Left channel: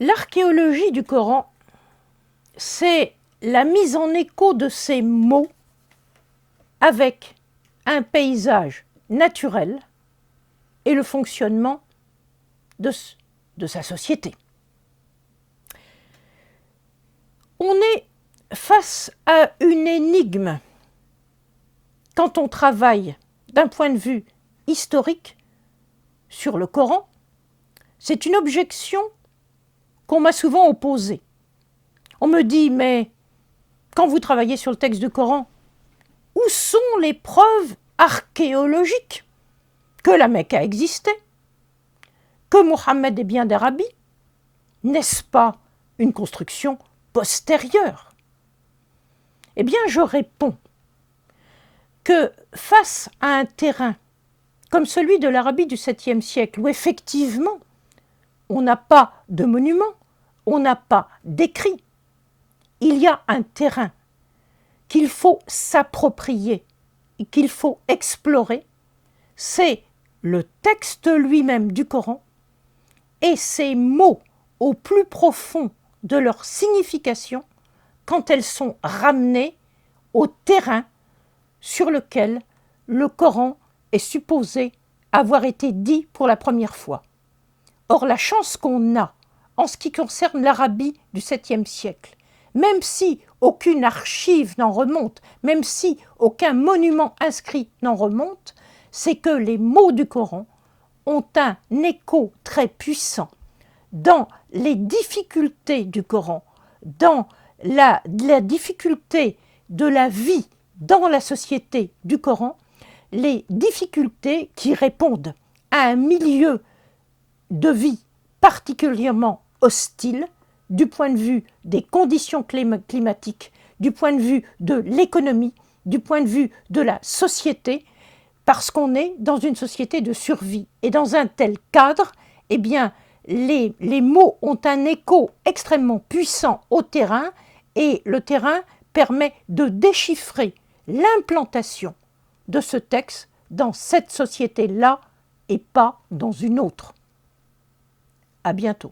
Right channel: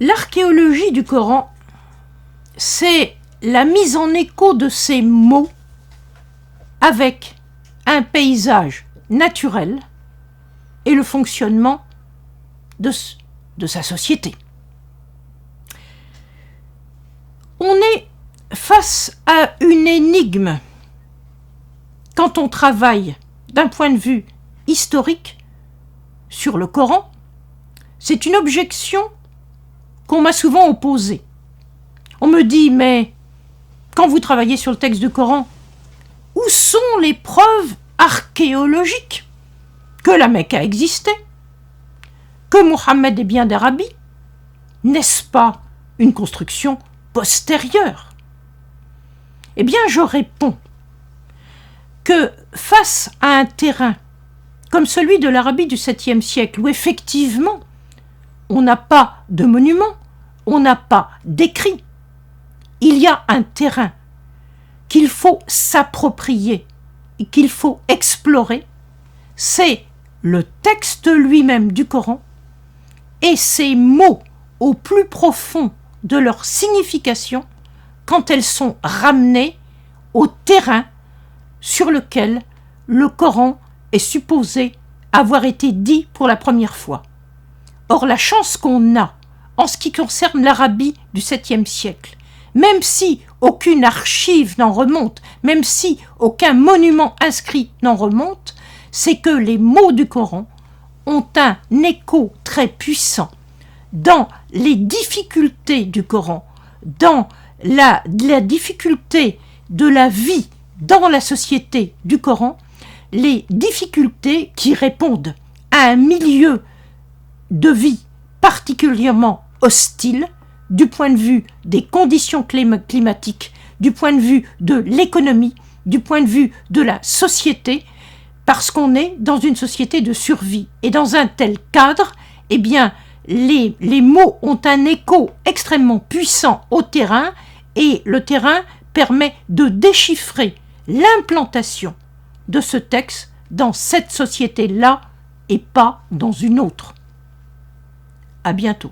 L'archéologie du Coran, c'est la mise en écho de ces mots avec un paysage naturel et le fonctionnement de sa société. On est face à une énigme quand on travaille d'un point de vue historique sur le Coran. C'est une objection qu'on m'a souvent opposée. On me dit, mais quand vous travaillez sur le texte du Coran, où sont les preuves archéologiques que la Mecque a existé, que Mohammed est bien d'Arabie? N'est-ce pas une construction postérieure? Eh bien, je réponds que face à un terrain comme celui de l'Arabie du 7e siècle, où effectivement on n'a pas de monuments, on n'a pas d'écrits, il y a un terrain qu'il faut s'approprier et qu'il faut explorer, c'est le texte lui-même du Coran et ses mots au plus profond de leur signification quand elles sont ramenées au terrain sur lequel le Coran est supposé avoir été dit pour la première fois. Or, la chance qu'on a en ce qui concerne l'Arabie du 7e siècle, même si aucune archive n'en remonte, même si aucun monument inscrit n'en remonte, c'est que les mots du Coran ont un écho très puissant dans les difficultés du Coran, dans la difficulté de la vie dans la société du Coran, les difficultés qui répondent à un milieu de vie particulièrement hostile du point de vue des conditions climatiques, du point de vue de l'économie, du point de vue de la société, parce qu'on est dans une société de survie. Et dans un tel cadre, eh bien, les mots ont un écho extrêmement puissant au terrain, et le terrain permet de déchiffrer l'implantation de ce texte dans cette société-là et pas dans une autre. À bientôt.